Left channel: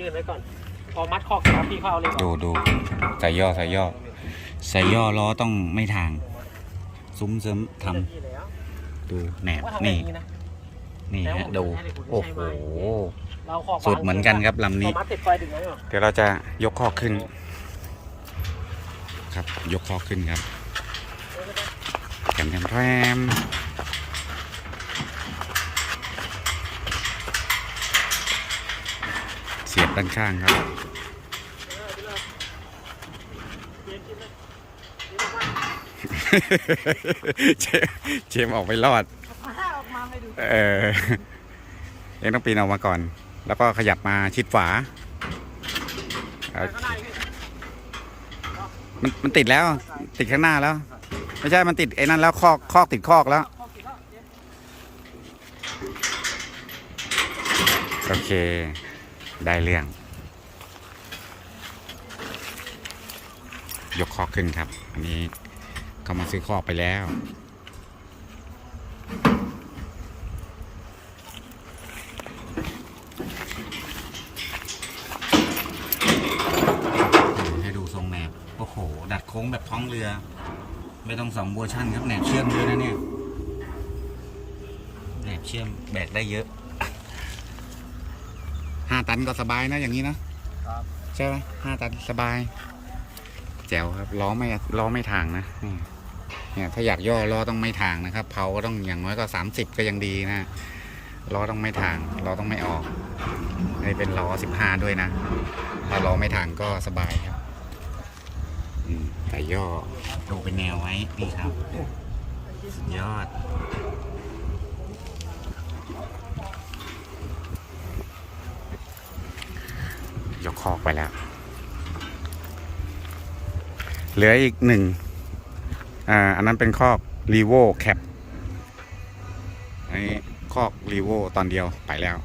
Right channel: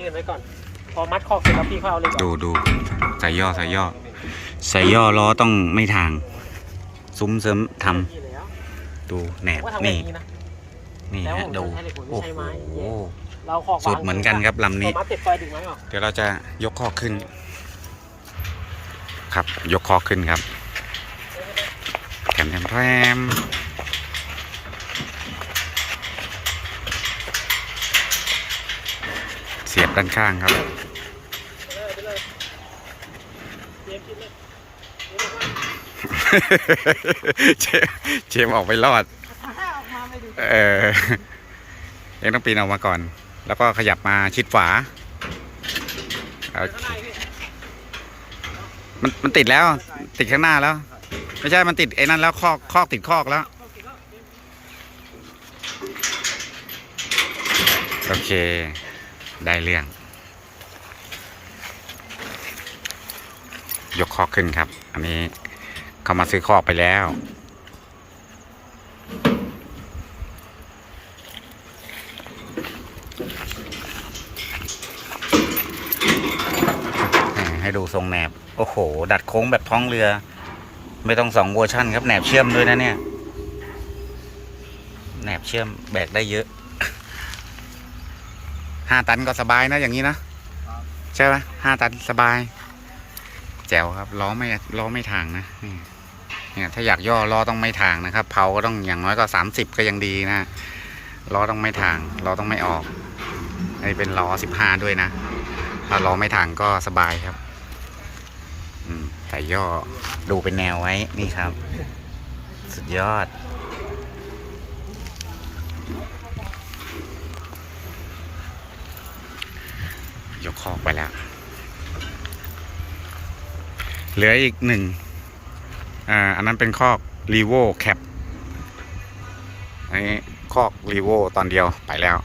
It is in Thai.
ยืนไว้ก่อนพอมัดคอกเสร็จแล้วพี่เขาเอาเหล็กออกดูดูใส่ย่อใส่ย่อใส่ย่อล้อต้องไม่ทาง ซุ้มเสริมทำนี่แล้วดูแหนบว่าทำแบบนี่นะนี่ฮะดู โอ้โห เราขอสุดเหมือนกันครับลำนี้ ขอมัดเสร็จไฟดึงไว้ก่อนเดี๋ยวเราจะยกคอกขึ้น ครับ ยกคอกขึ้นครับแถมแถมแถม เสียบด้านข้างครับ เจมเจมออกไปรอดถ้าออกมาไม่ดูเออเองต้องปีนออกมาก่อน แล้วก็ขยับมาชิดฝาโอเคมันมันติดแล้ว ติดข้างหน้าแล้ว ไม่ใช่มันติดไอ้นั่นแล้วคอกคอกติดคอกแล้ว โอเค ได้เรื่อง ยกคอขึ้นครับ อันนี้เขามาซื้อคอไปแล้ว ให้ดูทรงแหนบ โอ้โห ดัดโค้งแบบท้องเรือ ไม่ต้องสองเวอร์ชั่นครับแหนบเชื่อมด้วยนะเนี่ย แหนบเชื่อมแบกได้เยอะ ห้าตันก็สบายนะอย่างนี้นะใช่ไหมห้าตันสบาย แจ๋วครับล้อไม่ล้อไม่ทางนะนี่เนี่ยถ้าอยากย่อล้อต้องไม่ทางนะครับเผาก็ต้องอย่างน้อยก็สามสิบก็ยังดีนะล้อต้องไม่ทางล้อต้องไม่ออกอันนี้เป็นล้อสิบห้าด้วยนะ ถ้าล้อไม่ทางก็สบายครับ อืมแต่ย่อดูเป็นแนวไว้นี่ครับ สุดยอด ยกคอกไปแล้ว เหลืออีกหนึ่งอ่าอันนั้นเป็นคอกรีโวแคปอันนี้คอกรีโวตอนเดียวไปแล้ว